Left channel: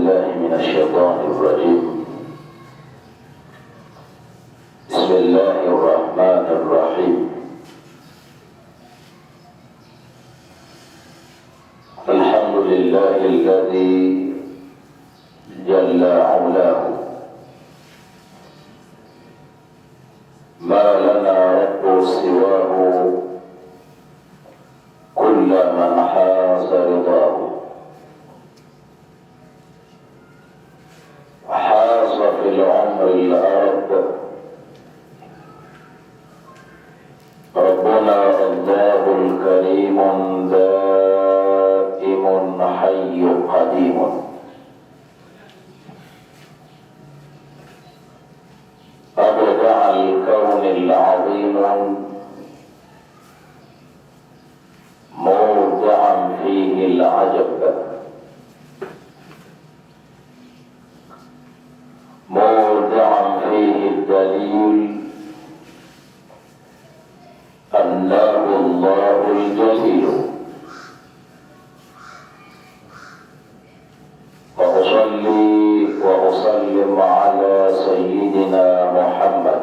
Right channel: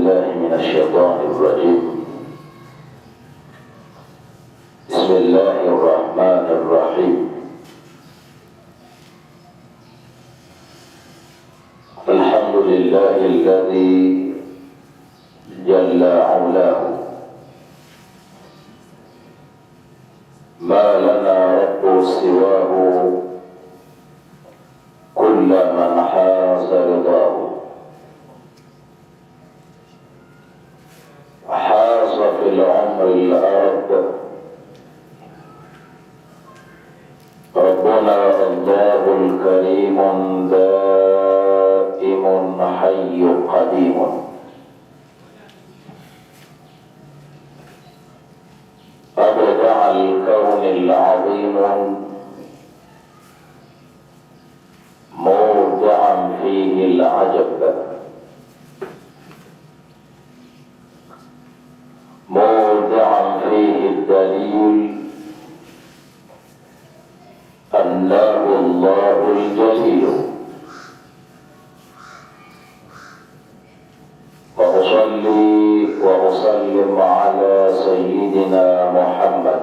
بالله من الشيطان الرجيم. بسم الله الرحمن الرحيم. الحمد لله الذي جل علاه، ما لنا رب سواه، كل من حاز رضاه. حاز في العمر الأرض ربنا الله الكريم دائم حي قديم. أبدع الكون العظيم مودعا فيه العجب، مودعا فيه الدليل أنه الله الجليل. وأصلي وأسلم على سيدنا محمد،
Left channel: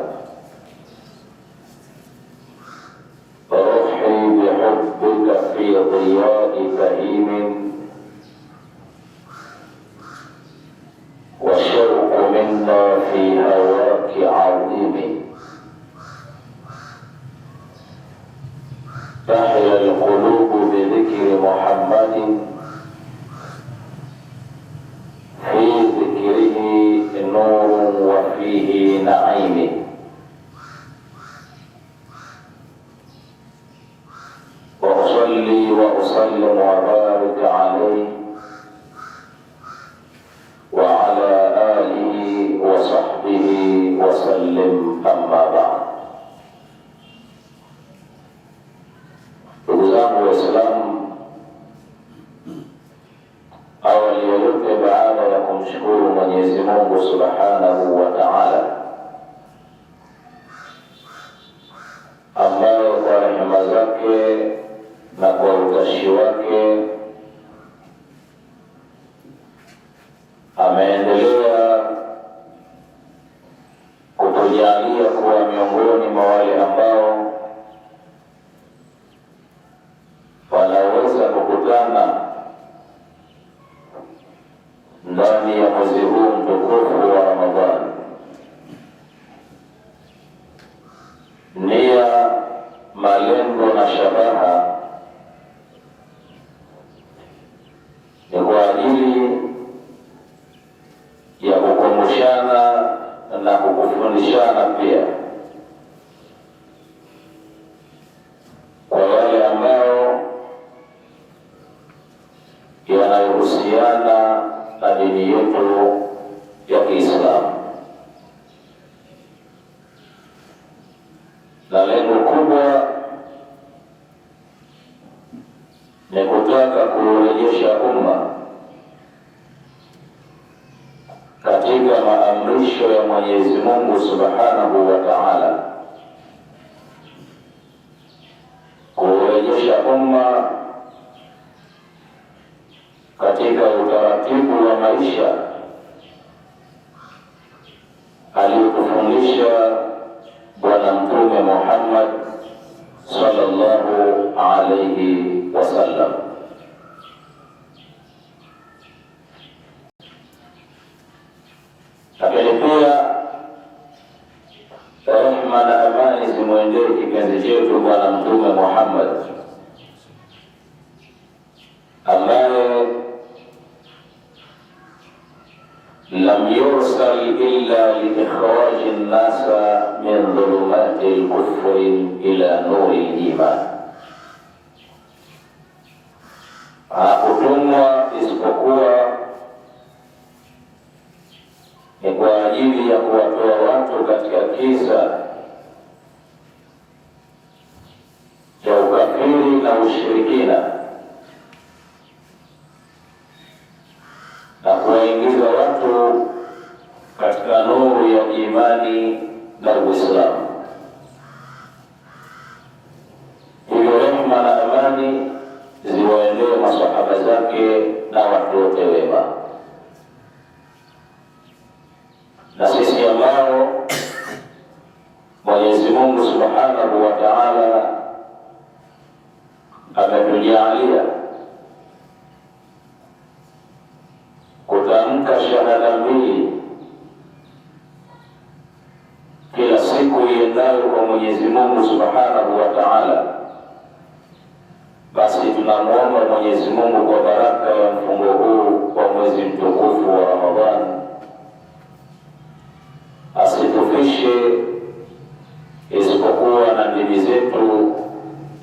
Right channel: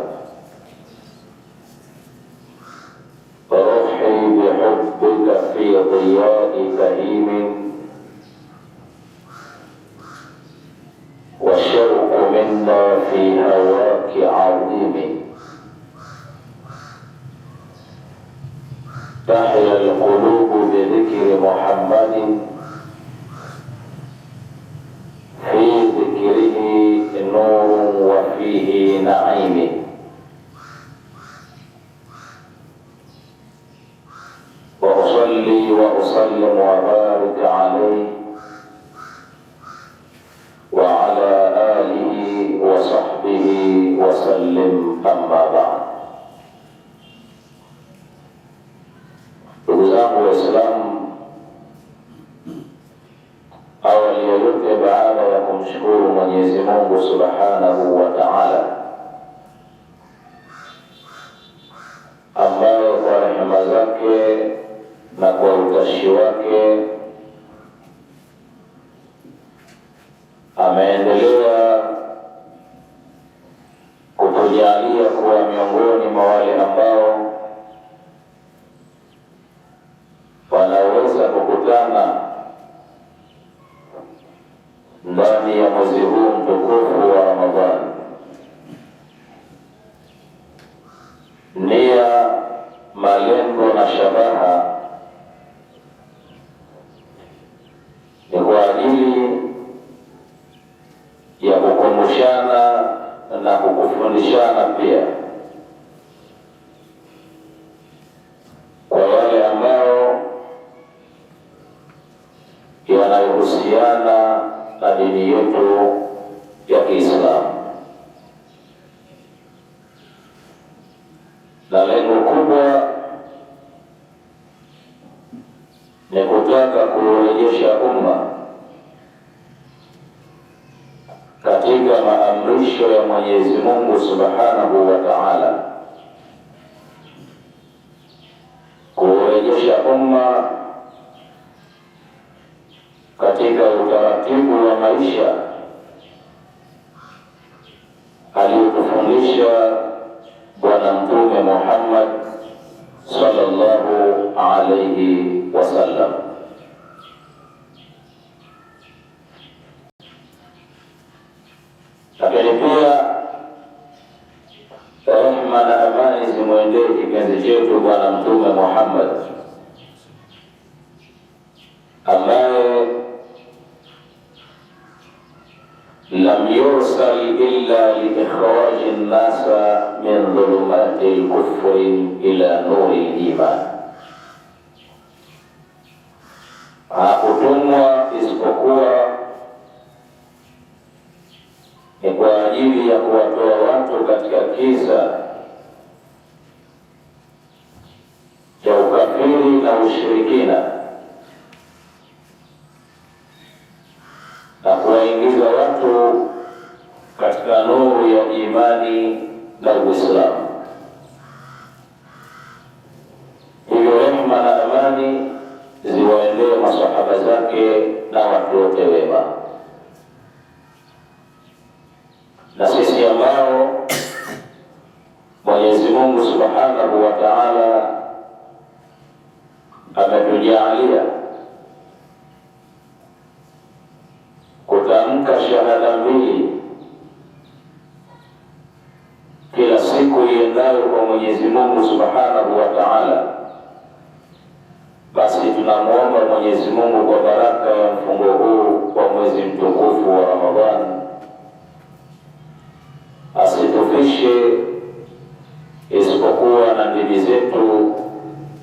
روحي بحبك في ضياء كريم، والشوق منا في هواك عظيم. تحيا القلوب بذكر محمد، في ذكره نور وفيه نعيم. وأصلي وأسلم وبارك عليه وعلى آله وصحبه وسلم، أما بعد. Ndugu zangu Waislamu, awali ya yote, baada ya kumshukuru Mwenyezi Mungu Subhanahu wa Ta'ala, ambaye kwa rehema zake na kwa utashi wake ameendelea kutujalia kuwa miongoni mwa wale ambao wanaweza kukutana ndani ya mwezi huu mtukufu wa Ramadhani. Nia, malengo na shabaha ni kwa ajili ya kukumbushana na kukufundishana pia kwa wale ambao yanayohusiana na dini yetu ya Kiislamu, na lengo kubwa ni kutaka kurejesha umma katika maamrisho ya Mwenyezi Mungu Subhanahu wa Ta'ala, kurejesha umma katika utaratibu wa maisha aliyotufundisha Bwana Mtume Muhammad sallallahu alayhi wasallam. Lakini pia rehema na amani zimwendee kipenzi chetu Bwana Mtume Muhammad, ambaye lam yursal illa liikhraji nnasa min dhulumati lkufri ila nuri liman. Hakutumwa isipokuwa ni kwa ajili ya kuwatoa watu katika kisa cha ukafiri na ushirikina na kuwaingiza watu katika nuru ya imani na Uislamu. Hivyo rehema na amani ziwaendee masahaba zake na watu wote wema. na sisi ambao Mwenyezi Mungu Subhanahu wa Ta'ala ametujalia kutamka shahada mbili kila siku iendayo kwa Mwenyezi Mungu Subhanahu wa Ta'ala, basi tunamwomba Mwenyezi Mungu kwa baraka ya mfungo huu wa mwezi mtukufu wa Ramadhani asitufishe isipokuwa na ndimi zetu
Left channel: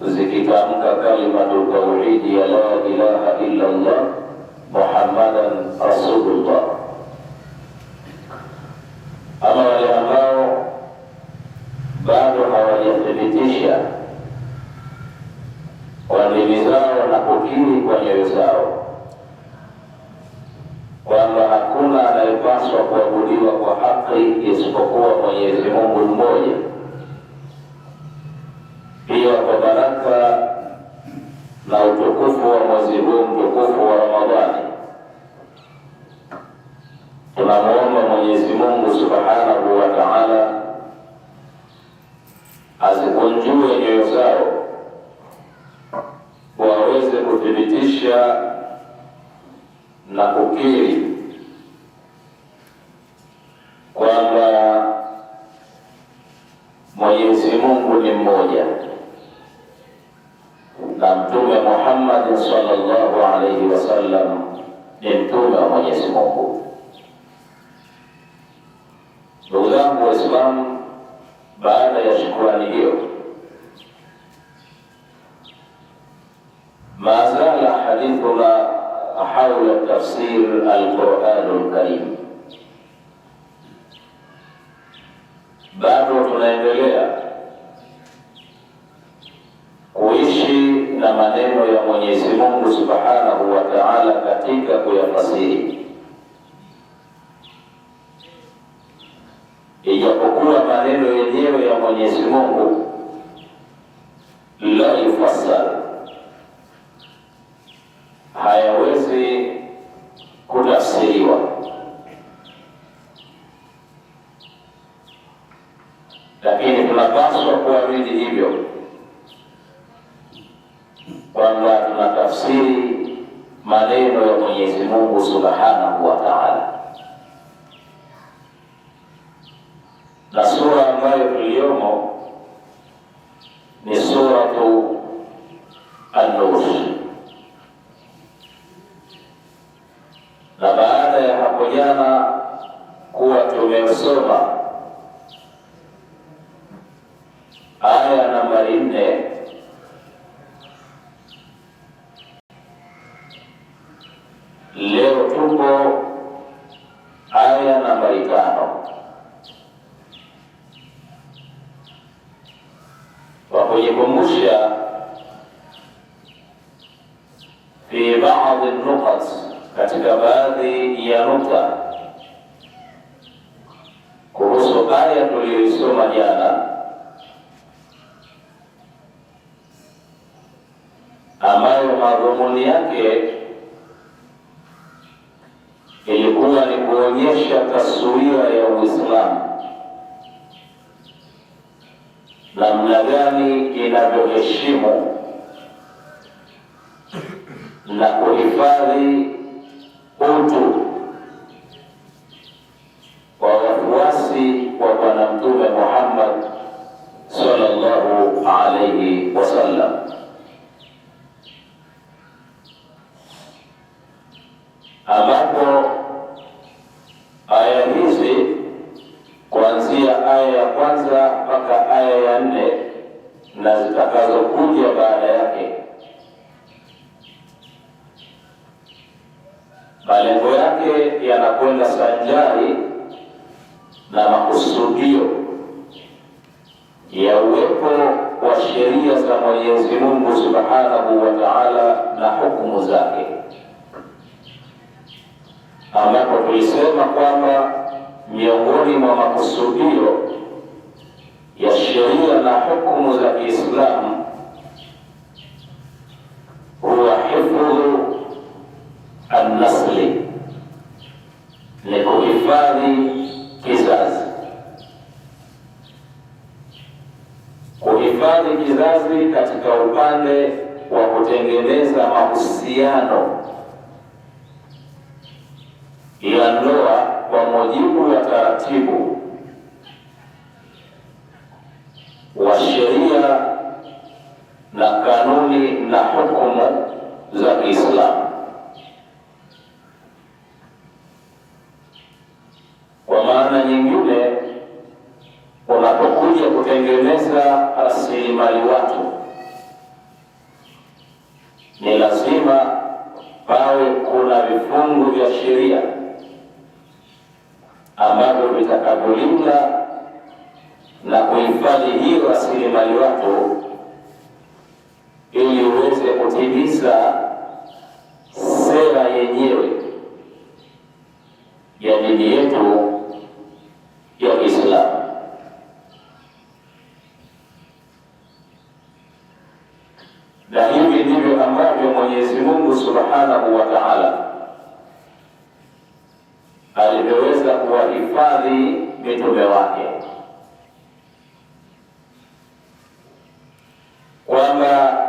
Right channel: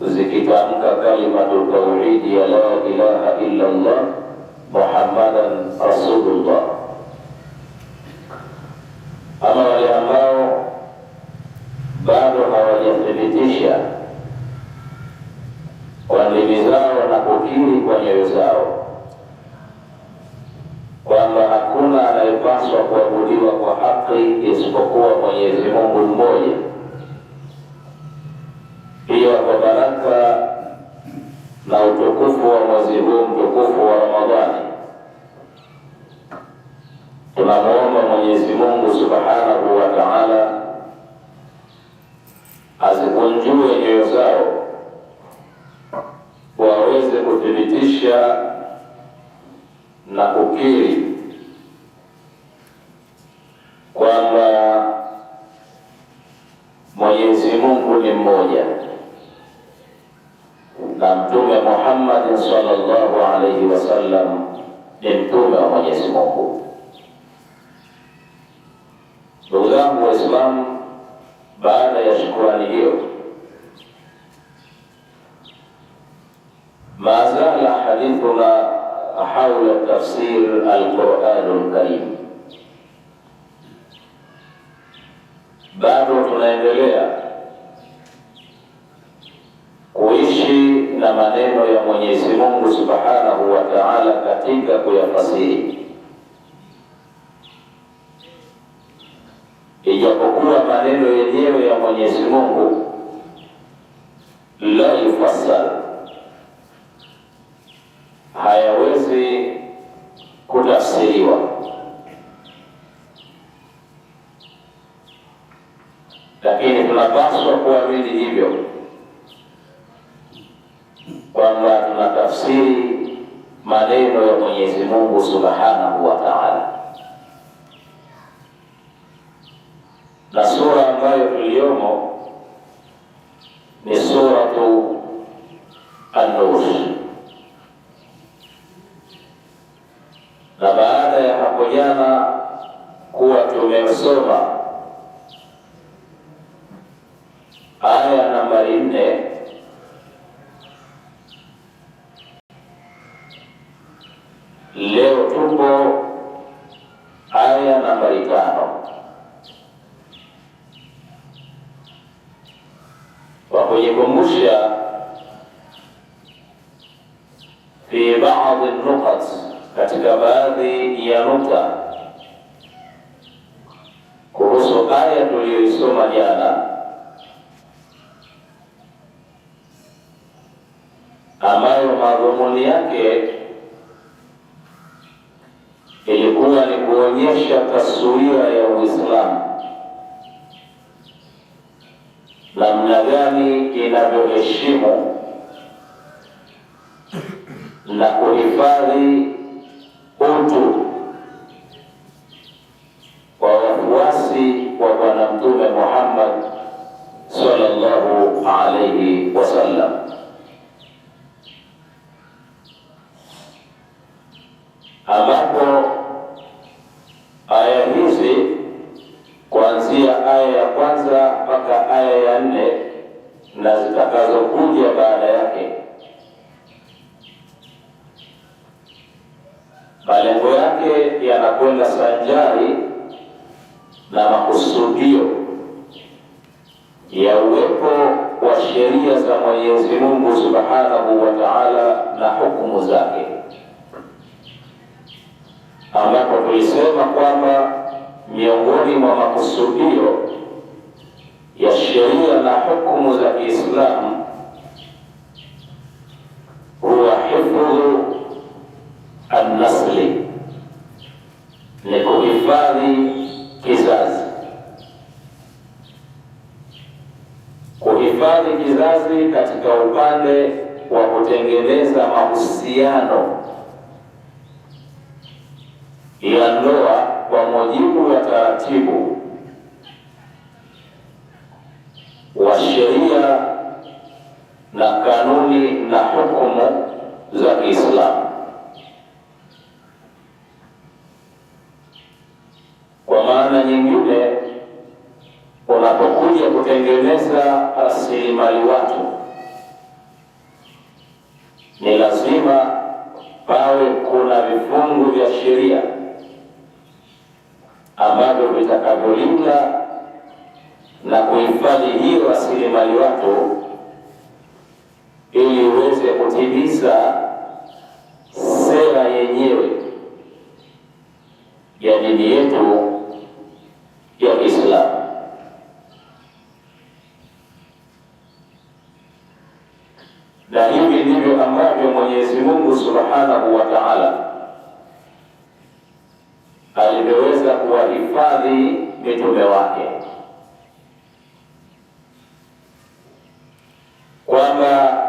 zikitamka kalimatu tauhidi ya la ilaha illa Allah Muhammadan Rasulullah. Ama wale ambao bado hawajathibitisha kwa ndimi zao na kukiri kwa nyoyo zao kwamba hakuna anayepaswa kuabudiwa kwa haki isipokuwa Mwenyezi Mungu mmoja, pia kwa baraka na utukufu wa mwezi huu mtukufu wa Ramadhani, tunamwomba Mwenyezi Mungu Subhanahu wa Ta'ala azikunjue nyoyo zao waweze kuthibitisha na kukiri kwamba Mwenyezi Mungu ni mmoja na Mtume Muhammad sallallahu alaihi wasallam ni mtume wa Mwenyezi Mungu. Ndugu zangu Waislamu, baada ya shukrani hiyo, ma zala hadithuna hawla tafsir al-Qur'an al-Karim. Bado tunaendelea kuishi na maneno ya Mwenyezi Mungu Subhanahu wa Ta'ala katika kuyafasiri, ijapokuwa maneno yenyewe ya Mwenyezi Mungu la yufassar, hayawezi kutafsiriwa, lakini tunapaswa kuamini hivyo kwamba tunatafsiri maneno ya Mwenyezi Mungu Subhanahu wa Ta'ala. Na sura ambayo tuliyomo ni suratu An-Nur. Na baada ya hapo jana kuwa tumesoma aya nambari 4, leo tuko aya nambari 5. Kwa kujikumbusha fi baadhi nukat, katika baadhi ya nukta kuhusu aya tuliyoisoma jana, ambayo madhumuni yake ilikuwa ni kuonyesha taswira ya Uislamu namna gani inavyoheshimu na kuhifadhi utu wa wafuasi wa Bwana Mtume Muhammad sallallahu alayhi wasallam. Ambapo aya hizi kuanzia aya ya kwanza mpaka aya ya 4 na zitakazokuja baada yake, malengo yake yanakwenda sanjari na makusudio ya uwepo wa sheria za Mwenyezi Mungu Subhanahu wa Ta'ala na hukumu zake, ambapo tulisema kwamba miongoni mwa makusudio ya sheria na hukumu za Kiislamu huwa hifdhu an-nasli, ni kuhifadhi kizazi. kuhifadhi kizazi katika upande wa kutengeneza mahusiano ya ndoa kwa mujibu wa taratibu wa sheria na kanuni na hukumu za Kiislamu. Kwa maana nyingine, unapokuja kutengeneza rasilimali watu, ni lazima pawe kuna vifungu vya sheria ambavyo vitakavyolinda na kuhifadhi hiyo rasilimali watu ili uweze kutimiza sera yenyewe ya dini yetu ya Kiislamu. Na hivi ndivyo ambavyo Mwenyezi Mungu Subhanahu wa Ta'ala alivyoweza kuwahifadhi mitume wake, kwamba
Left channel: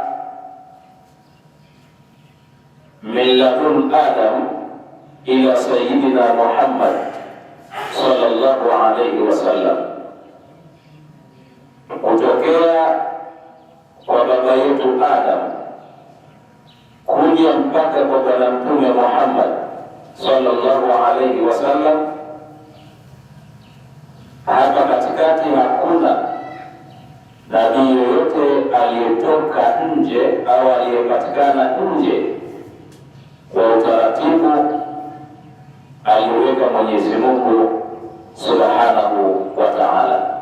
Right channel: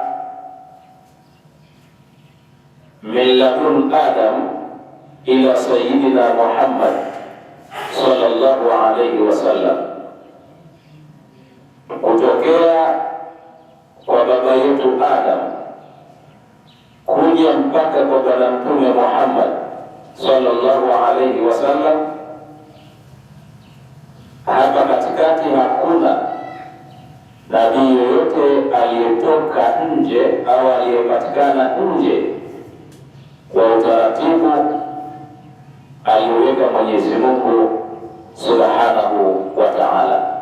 min ladun Adam ila sayyidina Muhammad sallallahu alayhi wasallam, kutokea kwa baba yetu Adam kuja mpaka kwa bwana mtume Muhammad sallallahu alayhi wasallam. Hapa katikati hakuna nabii yoyote aliyetoka nje au aliyepatikana nje kwa utaratibu aliyoweka Mwenyezi Mungu Subhanahu wa Ta'ala.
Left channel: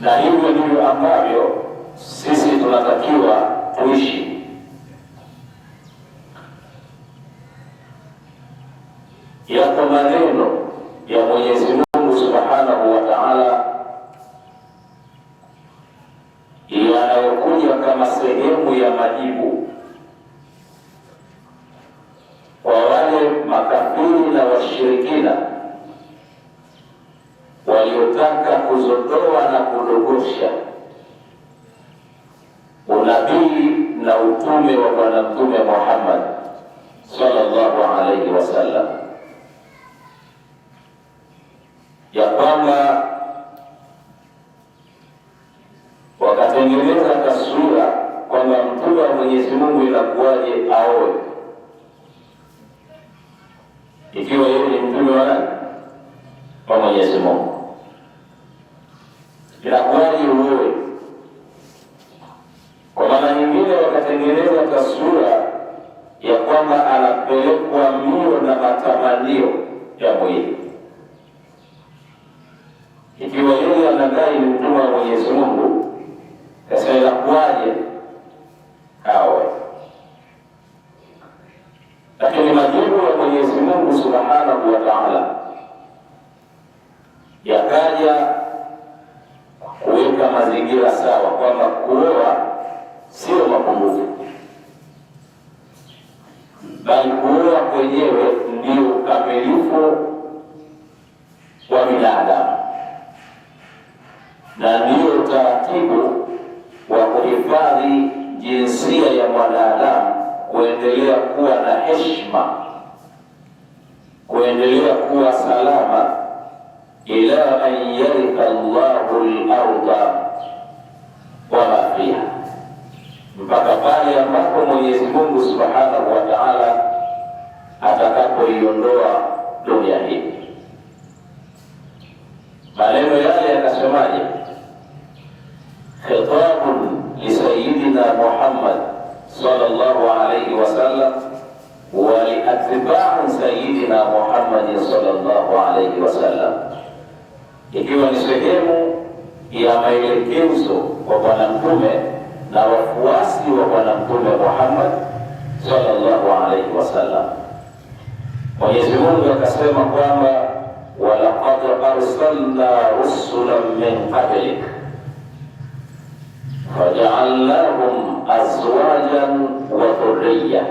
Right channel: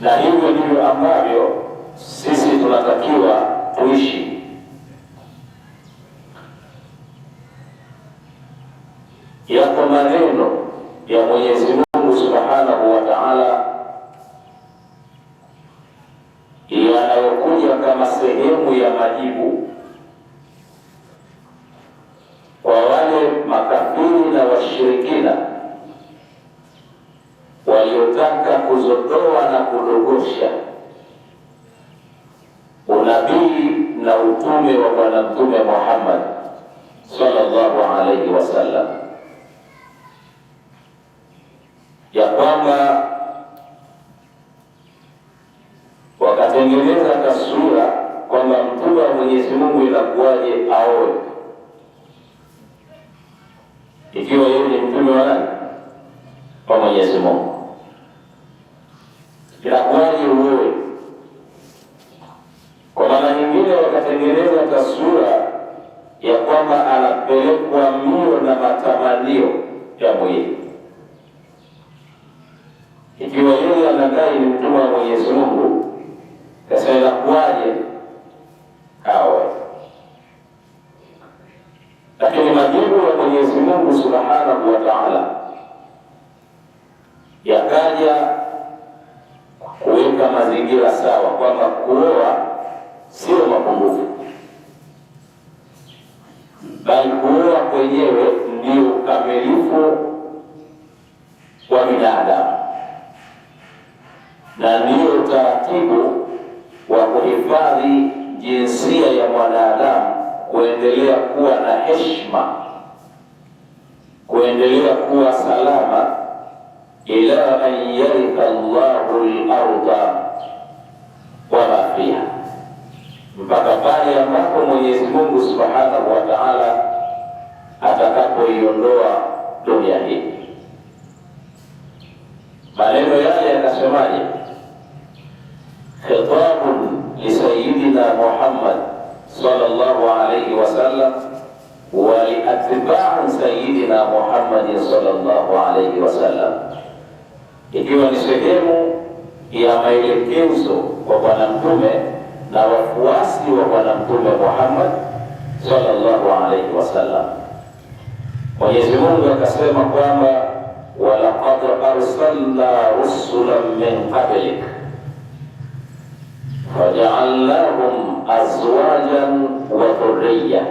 Na hivyo ndivyo ambavyo sisi tunatakiwa tuishi. Yako maneno ya Mwenyezi Mungu Subhanahu wa Ta'ala yanayokuja kama sehemu ya majibu kwa wale makafiri na washirikina waliotaka kuzodoa na kudogosha unabii na utume wa bwana mtume Muhammad sallallahu alayhi wasallam, ya kwamba wakatengeneza taswira kwamba mtume wa Mwenyezi Mungu inakuwaje aoe, ikiwa yeye ni mtume wa nani? Wa Mwenyezi Mungu. Inakuwaje uoe? Kwa maana nyingine wakatengeneza taswira ya kwamba anapelekwa mbio na matamanio ya mwili, ikiwa yeye anadai ni mtume wa Mwenyezi Mungu. Sasa inakuwaje aoe? Lakini majibu ya Mwenyezi Mungu Subhanahu wa Ta'ala yakaja kuweka mazingira sawa kwamba kuoa sio mapungufu, bali kuoa kwenyewe ndio ukamilifu wa binadamu na ndio utaratibu wa kuhifadhi jinsia ya mwanadamu kuendelea kuwa na heshima, kuendelea kuwa salama, ila an yaritha Allahu al-ardha wa ma fiha, mpaka pale ambapo Mwenyezi Mungu Subhanahu wa Ta'ala atakapoiondoa dunia hii. Maneno yale yakasemaje? Khitabun li sayyidina Muhammad sallallahu alayhi wasallam wa li atba'i sayyidina Muhammad sallallahu alayhi wasallam, ikiwa ni sehemu ya maelekezo kwa bwana mtume na wafuasi wa bwana mtume Muhammad sallallahu alayhi wasallam. Mwenyezi Mungu akasema kwamba walaqad arsalna rusulan min qablik faja'alnahum azwajan wa dhurriyya,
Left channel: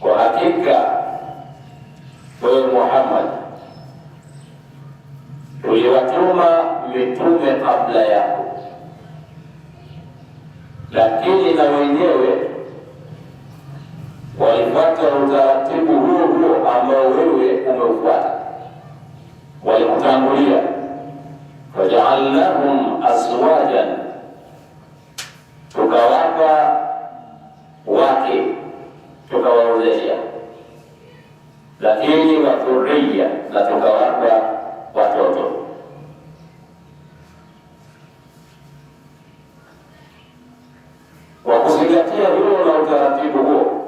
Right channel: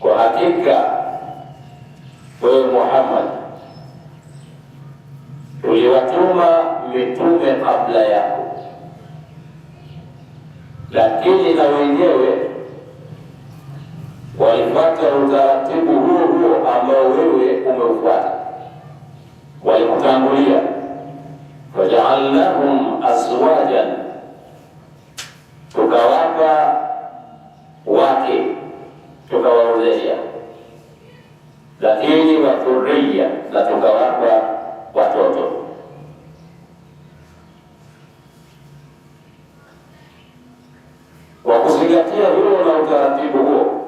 kwa hakika wewe Muhammad tukatuma mitume kabla yako, lakini na wenyewe walipata utaratibu huo huo ambao wewe umeufuata, walikutangulia. Fajaalnahum azwajan, tukawapa wake, tukawaozesha, lakini wa dhurriya, na tukawapa watoto. Kwa kuzingatia hilo na utaratibu huo,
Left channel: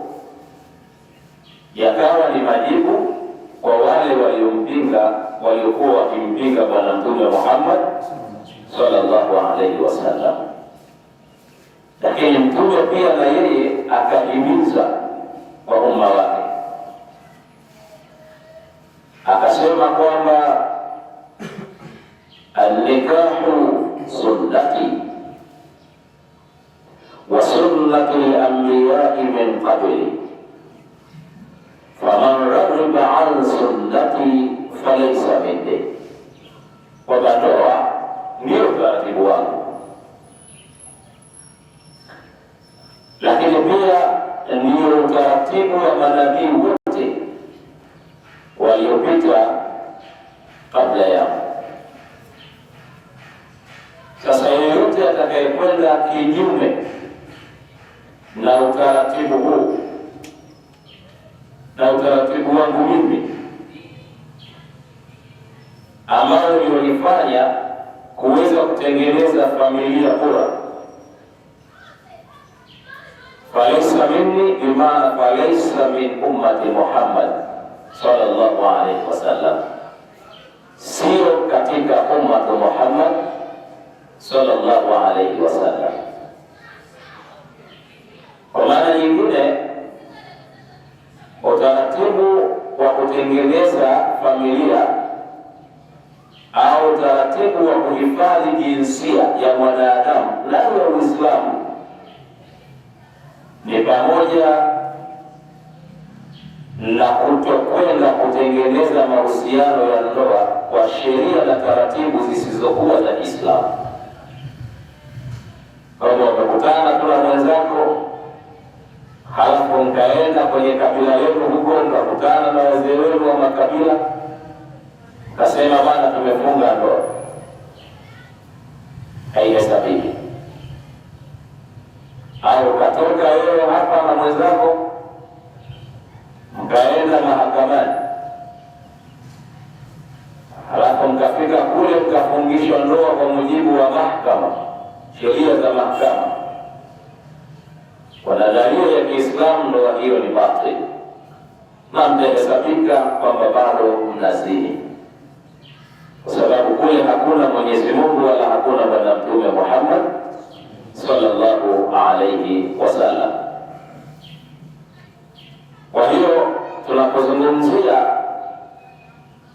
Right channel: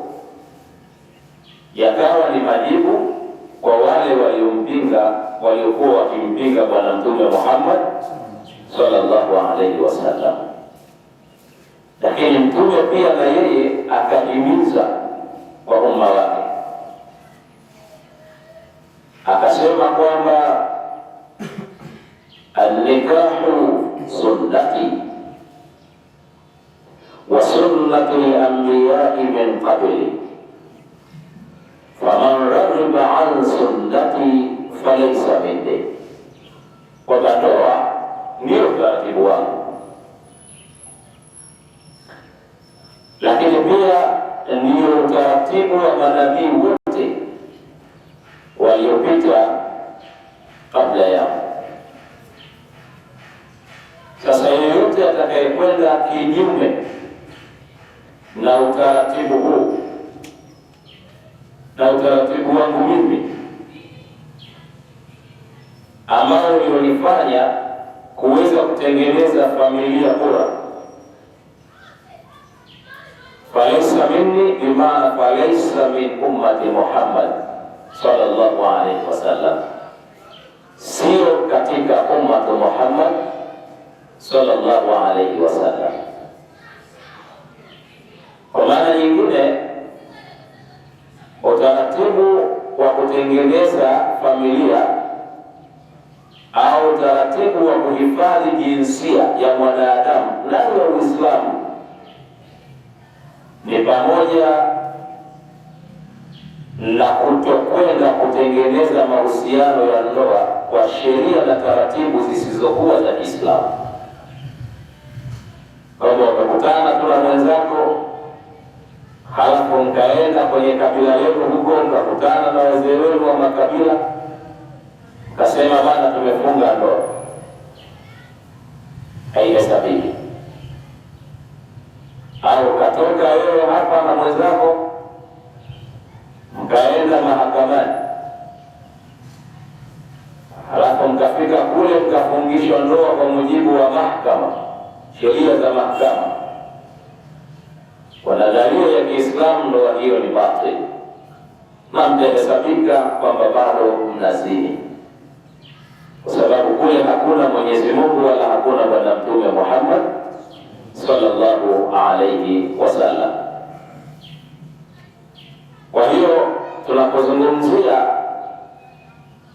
yakawa ni majibu kwa wale waliokuwa wakimpinga Bwana Mtume Muhammad sallallahu alaihi wasallam. Lakini Mtume pia na yeye akahimiza kwa umma wake, akasema kwamba an-nikahu sunnati wa sunnati al-anbiya'i min qabli faman raghiba an sunnati falaysa minni, kwamba ndoa ndio utaratibu wangu, lakini pia ndio utaratibu wa manabii wote waliopita kabla yangu. Sasa yeyote atakayekwenda kinyume na utaratibu huu na utaratibu wangu mimi ambao ulionifanya kuweza kutengeneza familia bora, falaysa minni, bimaana falaysa min ummati Muhammad sallallahu alaihi wasallam, sio katika ummati Muhammad sallallahu alaihi wasallam. Kwa maana nyingine, utaratibu wa kutengeneza familia au utaratibu wa kuhifadhi jinsia ya mwanadamu ndani ya Uislamu ni pamoja na kutokwenda kutengeneza mahusiano ya ndoa kwa sheria na taratibu zisizokuwa za Kiislamu. Kama ukakutana tu na mwenzako, halafu mkaenda kwenye kabila lenu huko, mkakutana na wazee wenu wa makabila, kasema bana tumefunga ndoa, haihesabiki. Au katoka wewe hapa na mwenzako mkaenda mahakamani, halafu mkafika kule mkafungishwa ndoa kwa mujibu wa mahakama, sheria za mahakama, kwa nadharia ya Kiislamu, ndoa hiyo ni batili na mtahesabika kwamba bado mnazini, kwa sababu kule hakuna Mwenyezi Mungu wala hakuna Bwana Mtume Muhammad sallallahu alaihi wasallam. Kwa hiyo tunapozungumzia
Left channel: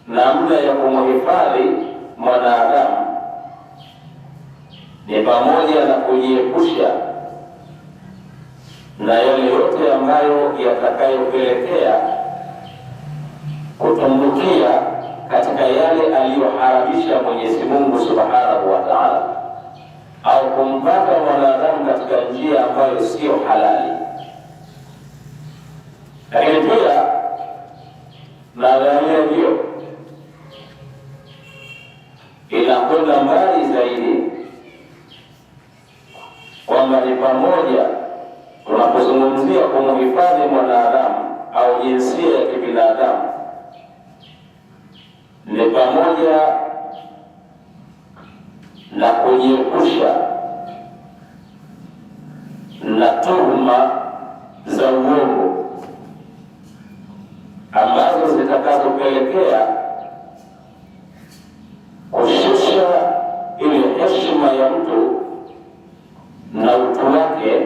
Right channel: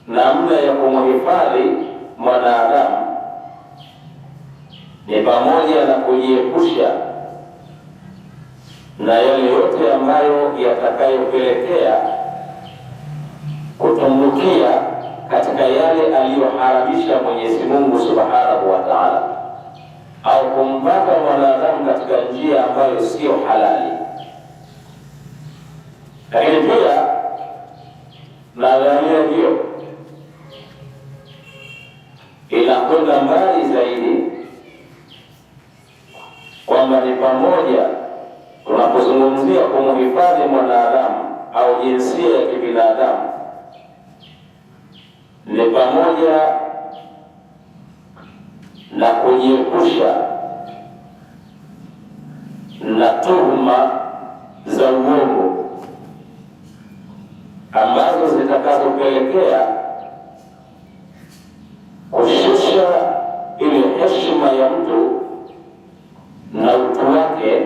namna ya kumhifadhi mwanadamu ni pamoja na kujiepusha na yale yote ambayo yatakayopelekea kutumbukia katika yale aliyoharamisha Mwenyezi Mungu Subhanahu wa Ta'ala, au kumpata mwanadamu katika njia ambayo sio halali. Lakini pia nadharia hiyo inakwenda mbali zaidi, kwamba ni pamoja, tunapozungumzia kumhifadhi mwanadamu au jinsia ya kibinadamu, ni pamoja na kujiepusha na tuhuma za uongo ambazo zitakazopelekea kushusha ile heshima ya mtu na utu wake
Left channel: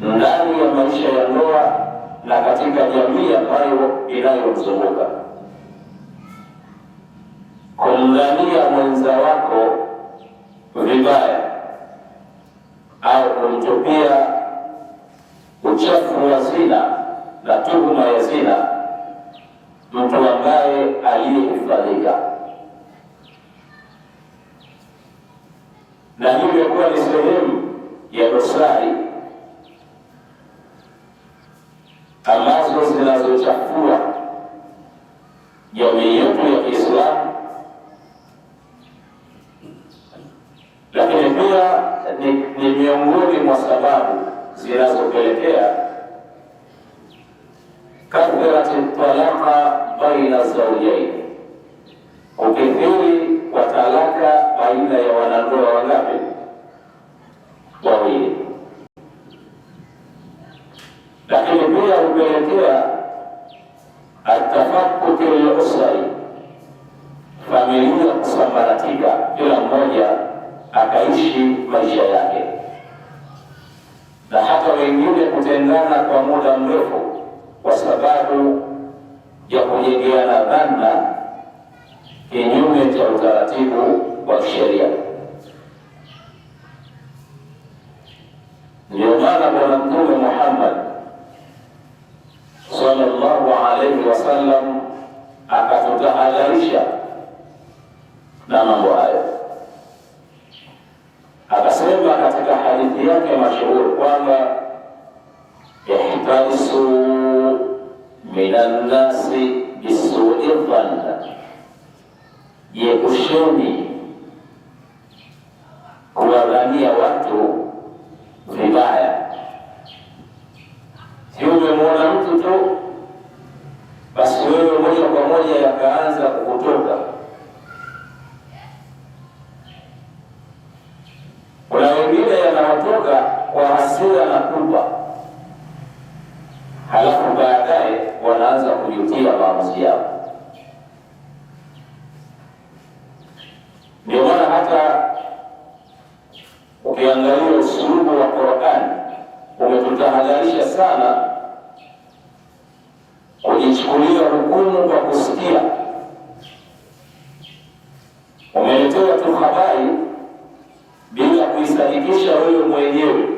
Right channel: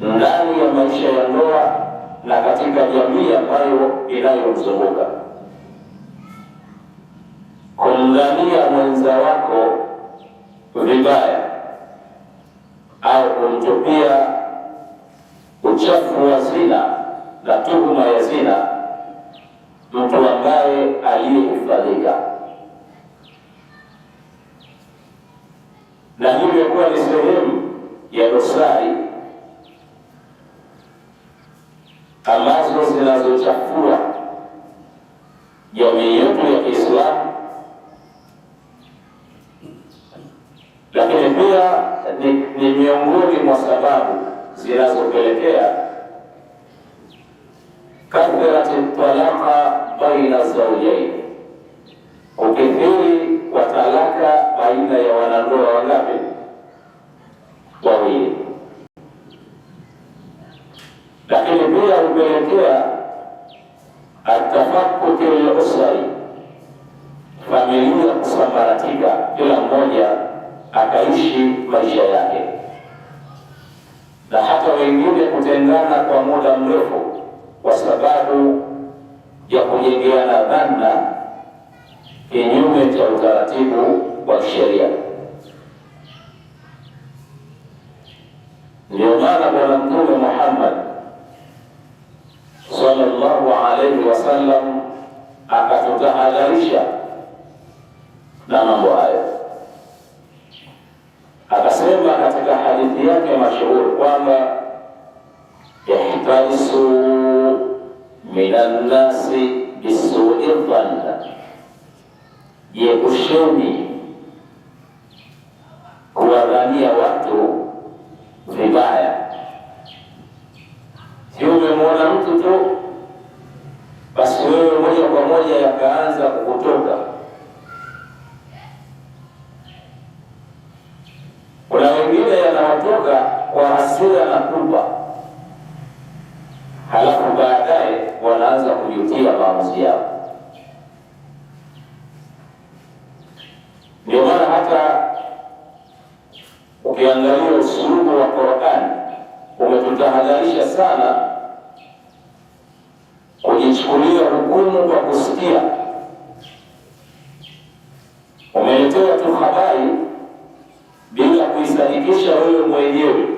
ndani ya maisha ya ndoa na katika jamii ambayo inayomzunguka. Kumdhania mwenza wako vibaya au kumtupia uchafu wa zina na tuhuma ya zina mtu ambaye aliyehifadhika, na hivyo kuwa ni sehemu ya dosari ambazo zinazochafua jamii yetu ya Kiislamu, lakini pia ni miongoni mwa sababu zinazopelekea kathrati talaka baina zawjaini, ukithiri wa talaka baina ya wanandoa wangapi? Wawili. Lakini pia hupelekea atafakkuki al-usri, familia kusambaratika, kila mmoja akaishi maisha yake, na hata wengine kutengana kwa muda mrefu kwa sababu ya kujengeana dhana kinyume cha utaratibu wa sheria. Ndio maana Bwana Mtume Muhammad sallallahu alaihi wasallam akatutahadharisha na mambo hayo, akasema katika hadithi yake mashuhuri kwamba ihtarisu minan nasi bisu'i dhanna, jiepusheni kuwadhania watu vibaya. Si umemwona mtu tu basi wewe moja kwa moja yakaanza kukutoka. Kuna wengine yanawatoka kwa hasira na kupa, halafu baadaye wanaanza kujutia maamuzi yao. Ndio maana hata ukiangalia usulubu wa Qur'an umetutahadharisha sana kujichukulia hukumu kwa kusikia. Umeletewa tu habari bila kuisadikisha wewe mwenyewe,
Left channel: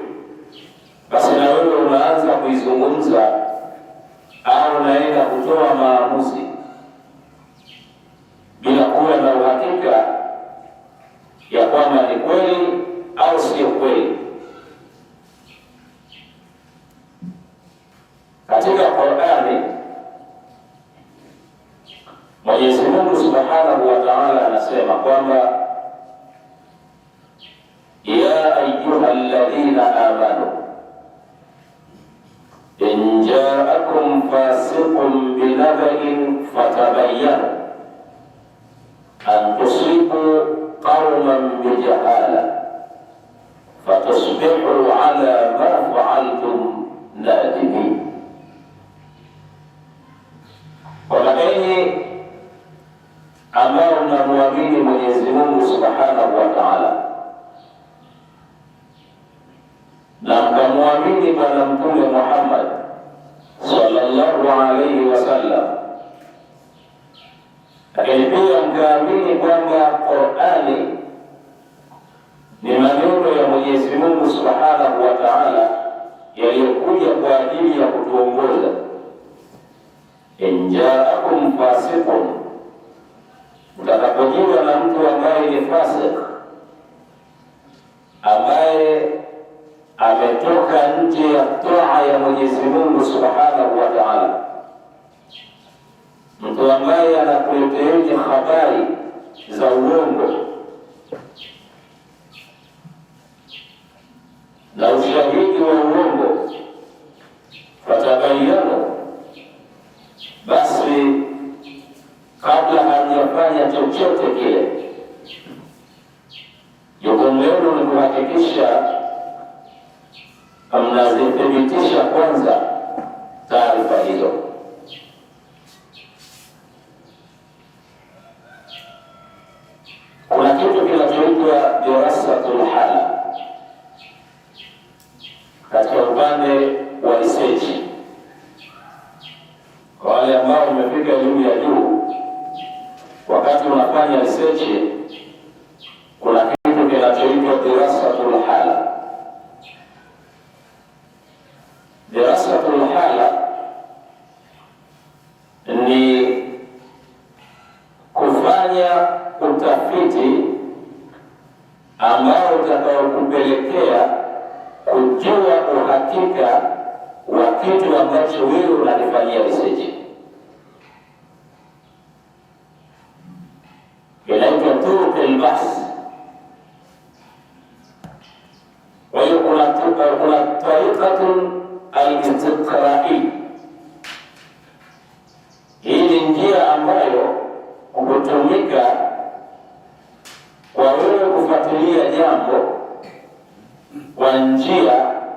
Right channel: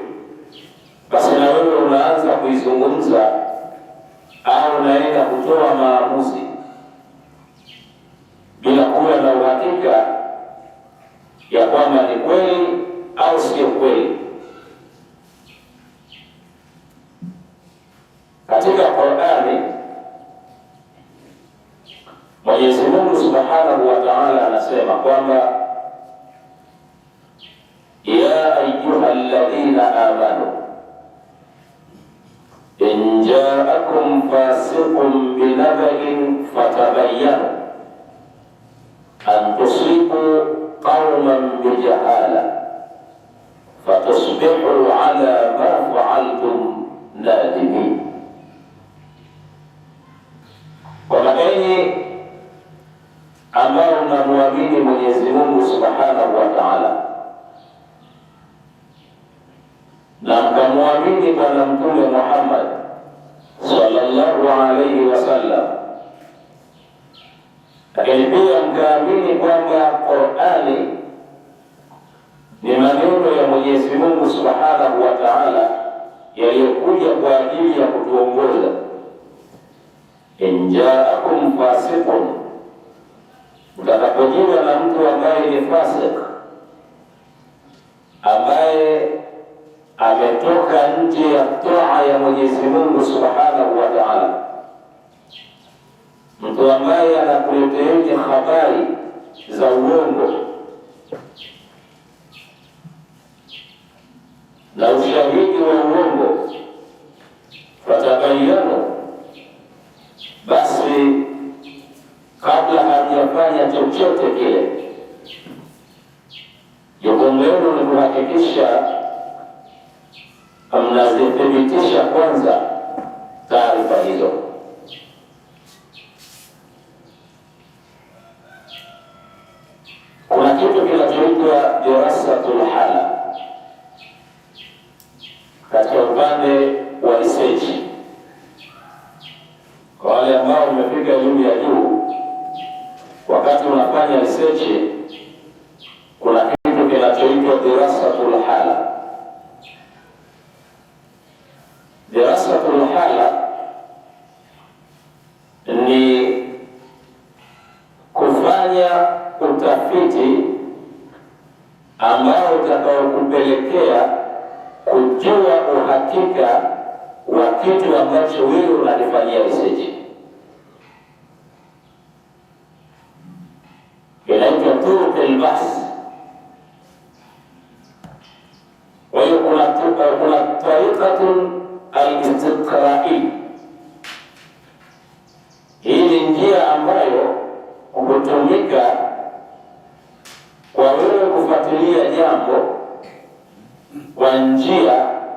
basi na wewe unaanza kuizungumza au unaenda kutoa maamuzi bila kuwa na uhakika ya kwamba ni kweli au sio kweli. Katika Qur'ani Mwenyezi Mungu Subhanahu wa Ta'ala anasema kwamba ya ayyuhalladhina amanu in ja'akum fasiqun binaba'in fatabayyanu an tusibu qauman bijahala fatusbihu ala ma fa'altum nadimin. Wakaeni ambao mnamwamini Mwenyezi Mungu Subhanahu wa Ta'ala na mkamwamini Bwana Mtume Muhammad sallallahu alaihi wasallam, lakini pia mkaamini kwamba Qur'ani ni maneno ya Mwenyezi Mungu Subhanahu wa Ta'ala yaliyokuja kwa ajili ya kutuongoza. In ja'akum fasiqun, mtakapojiwa na mtu ambaye ni fasik, ambaye ametoka nje ya toa ya Mwenyezi Mungu Subhanahu wa Ta'ala, mtu ambaye anakuletea habari za uongo na ushahidi wa uongo, fatabayyanu, basi kabla hajafanya chochote kile, jukumu lenu ni kuhakikisha mnazithibitisha kwanza taarifa hizo. Kuna kitu kinachoitwa dirasatul hala katika upande wa research. Kwa wale ambao wamefika elimu ya juu, wakati unafanya research kuna kitu kinachoitwa dirasatul hala. Dirasatul hala ni kufanya utafiti ambao kupelekea kujua uhakika wa kitu ambacho wewe unalifanyia research. Inaitwa turuq al-bahth. Kwa hiyo kuna tariqatun al-istiqra'i. Hii ni njia ambayo hutumika kwa wewe kufuatilia jambo kwa njia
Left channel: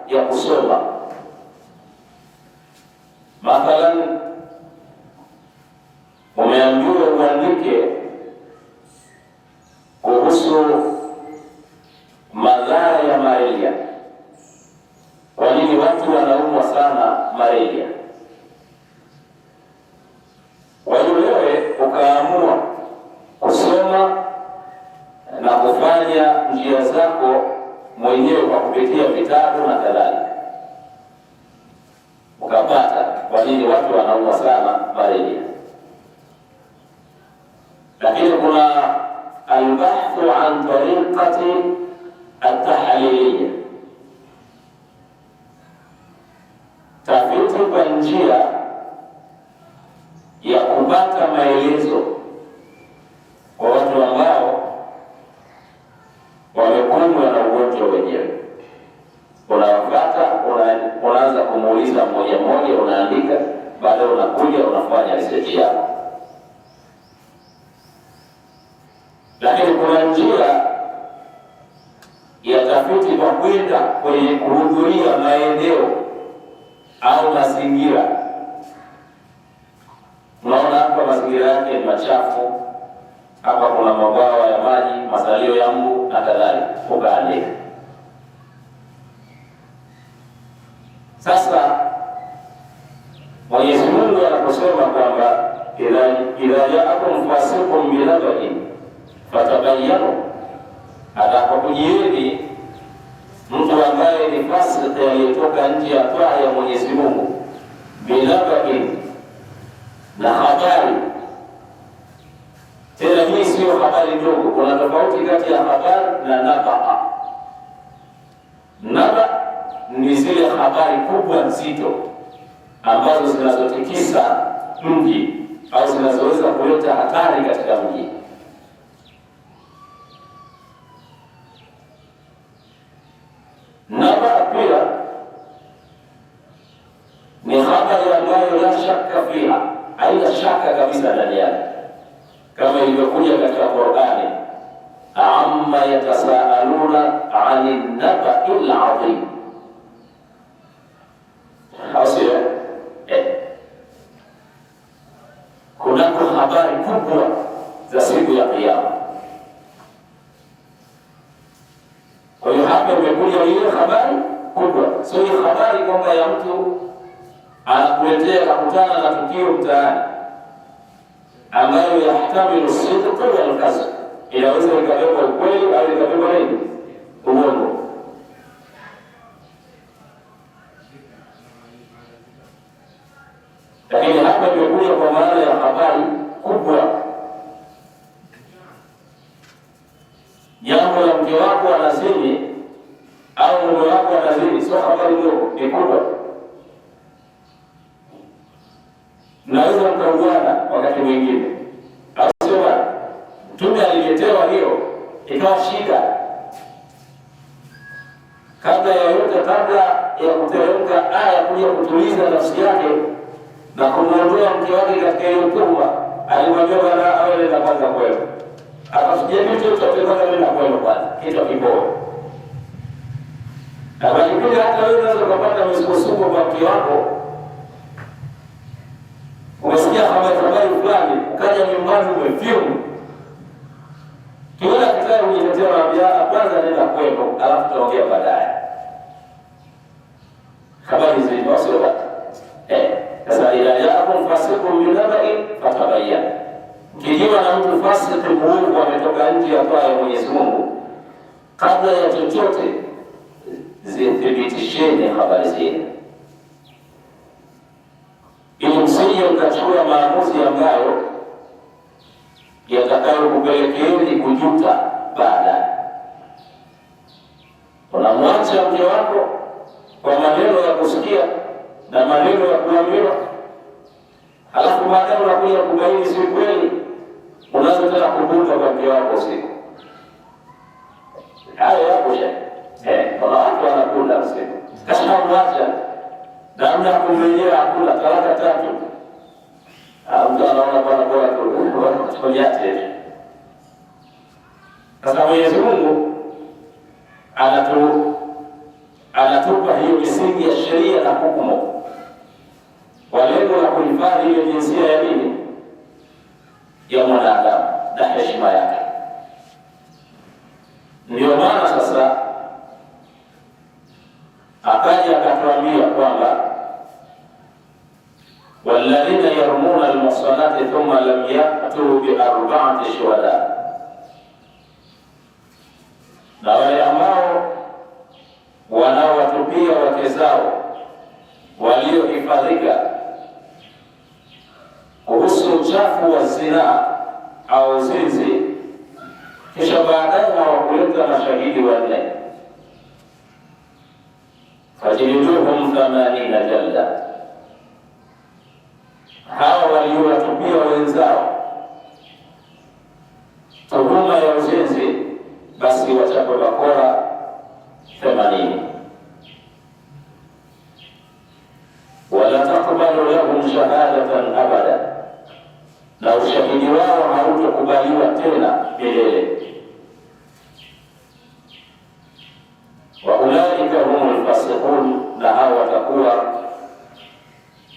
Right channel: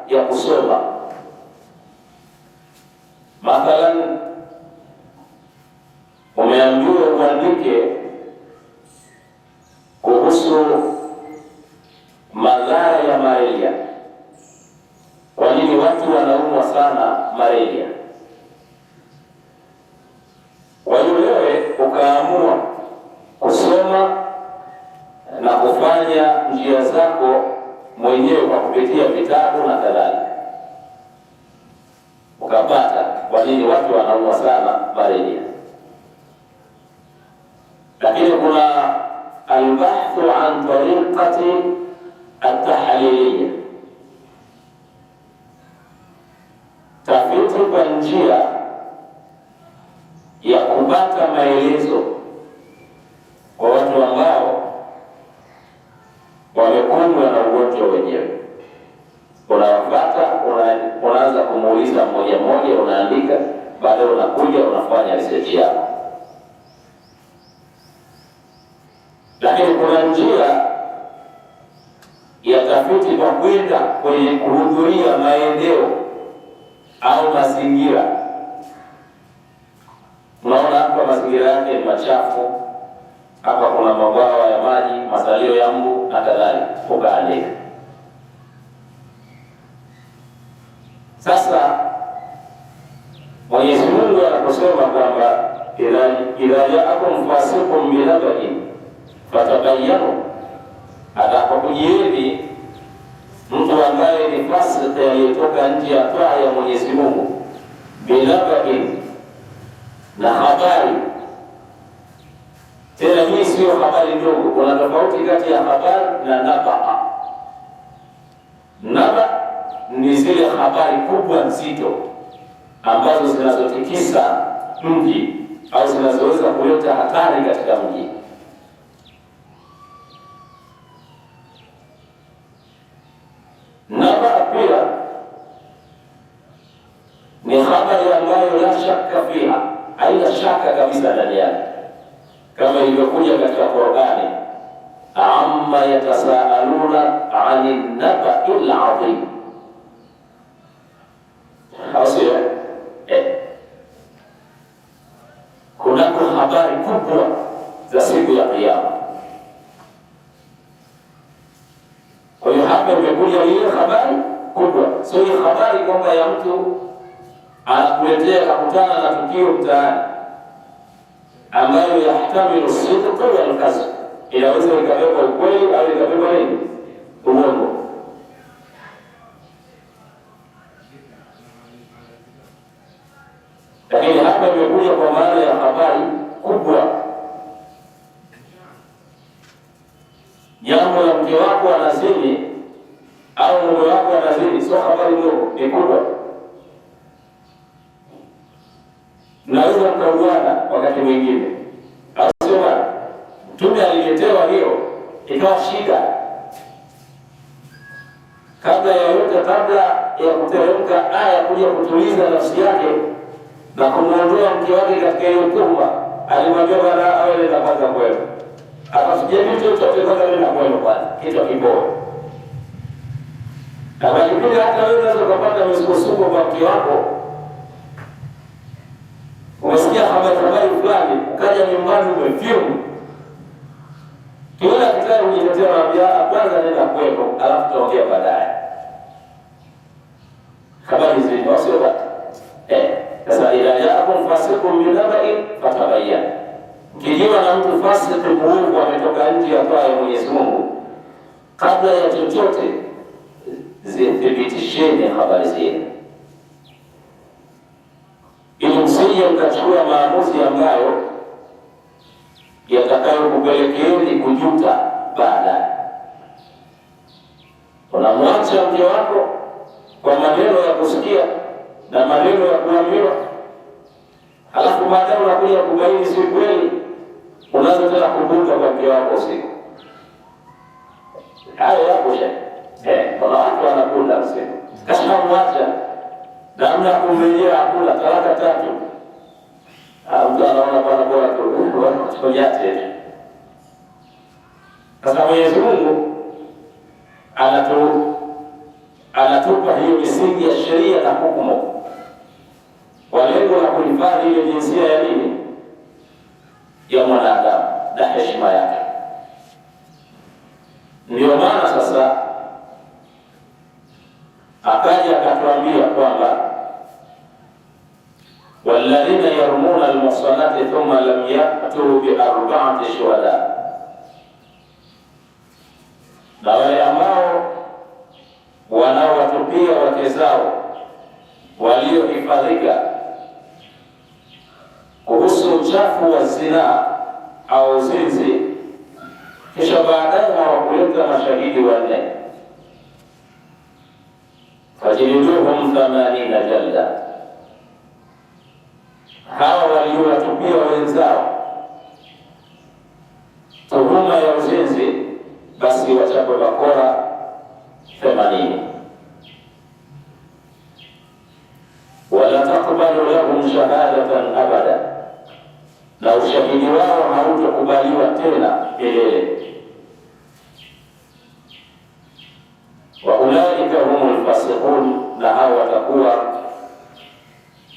ya kusoma. Mathalan, umeambiwa uandike kuhusu madhara ya malaria. Kwa nini watu wanaumwa sana malaria? Kwa hiyo wewe ukaamua kusoma na kufanya njia zako mwenyewe kwa kupitia vitabu na kadhalika, ukapata kwa nini watu wanaumwa sana malaria. Lakini kuna albahthu an tariqati at-tahliliyya, tafiti kwa njia ya kupata maelezo kwa watu ambao wamekumbwa na ugonjwa wenyewe. Unawafuata, unaanza kumuuliza mmoja mmoja, unaandika, baadaye unakuja unafanya research yako. Lakini kuna njia ya tafiti kwa kwenda kwenye kuhudhuria maeneo au mazingira. Unaona hapa mazingira yake ni machafu, hapa kuna mabwawa ya maji, masalio ya mbu na kadhalika, ukaandika. Sasa Mwenyezi Mungu anaposema kwamba idha ja'akum fasiqun binaba'in fatabayyanu, atakapokujieni mtu ambaye ni fasiki aliyetoka nje ya taa ya Mwenyezi Mungu, binaba'in, na habari. Tena hii sio habari ndogo, kuna tofauti kati ya habari na naba. Naba ni zile habari kubwa nzito ambazo zinazotikisa mji au zinazoweza kuleta hatari katika mji. Naba pia ni habari ambayo la shaka fiha, haina shaka kabisa ndani yake, kama ilivyokuja katika Qur'ani, amma yatasaaluna 'anil naba'il 'azim. Hasio kunako habari kubwa za siku ya Kiyama. Kwa hiyo hapa imekuja ile habari kubwa, sio ile habari kwamba ya mtu anakuletea kakutana na tukio mtaani ambayo yahtamilu sidqa wal kadhib, inaweza ikabeba ukweli au ikabeba nini, uongo. Lakini hapa imekuja kwa maana ya habari kubwa. Jambo la mke wako anazini au mume wako anazini, sio habari ndogo, ni kubwa. Naweza mkauana wakati mwingine, asema Mtume aliletewa hiyo ikawa shida. Kabla ya yote, kabla ya kuteremka aya kuja kutuliza nafsi yake na kumwondoa mke wake katika hiyo kubwa, alimwambia bwana awe na kwanza kweli. Akasujia chochote kwanza ndio kweli kwanza, kitu kibora. Na kipindi hata wewe unaweza kupata misukosuko kwa mke wako. Umesikia habari fulani, ukaja nyumbani umefyumu. Kiona kitaka kujitetea na kwanza nenda kwako, alafu tutaongea baadaye. Habari hizi sio bata. Sasa idha ja'akum fasiqun binaba'in fatabayyanu. Kijua na mtu fasiki muovu ametoka nje ya taa ya Mwenyezi Mungu, kabla ya chochote zithibitisheni habari zenu, ili msije mkachukua maamuzi ambayo yatakayokupelekeeni kujuta baadaye. Unamwacha mke wako kwa maneno ya kusikia na maneno ya kuambiwa, halafu baadaye unakuja kubaini si kweli, unaanza tena kuvuta kwa mke wako usiku. Hayo yapo shekhe. Kuna watu wanakuta usiku, kasema mwacha namna ya kumrejea hakuna, talaka 3. Mtu anaona bwana bora tukojache. Sasa Mwenyezi Mungu anatupa hiyo misingi ya sheria na hukumu kwa lengo la kuhifadhi ile jinsia ya dini ya mwanadamu na heshima yake. Ndio maana sasa akaja akatuambia kwamba walladhina yarmuna almuhsanati thumma lam ya'tu bi 4 shuhada, na wale ambao wanaowatupia wake zao waliohifadhika kuhusu uchafu wa zinaa au zinzi, kisha baadaye hawakuleta mashahidi 4, fajliduhum 80 jalda. Hawa waliowatupia wenzao tuhuma ya uzinzi, basi wachapwe bakora 80. Wala takbalu lahum shahadatan abada, na ushahidi wao hautokubaliwa tena milele. Wa ulaika humul fasiqun, na hao watakuwa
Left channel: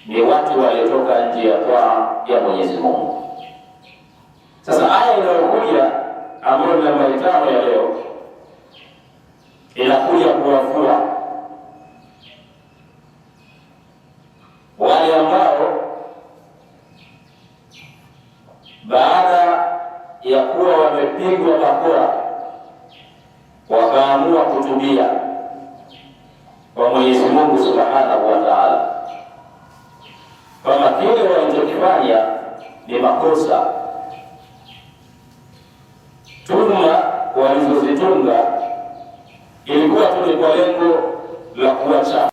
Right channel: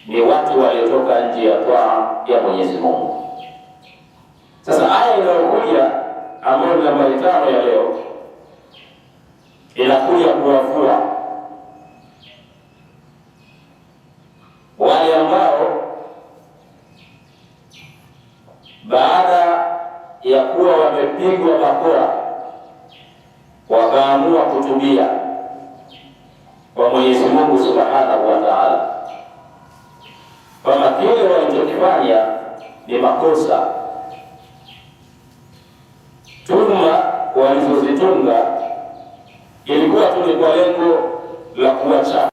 ni watu waliotoka nje ya taa ya Mwenyezi Mungu. Sasa aya inayokuja ambayo ni nambari 5 ya leo inakuja kuwafua wale ambao baada ya kuwa wamepigwa bakora wakaamua kutubia kwa Mwenyezi Mungu Subhanahu wa Ta'ala, kwamba kile walichokifanya ni makosa. Tuma walizozitunga ilikuwa tu ni kwa lengo la kuacha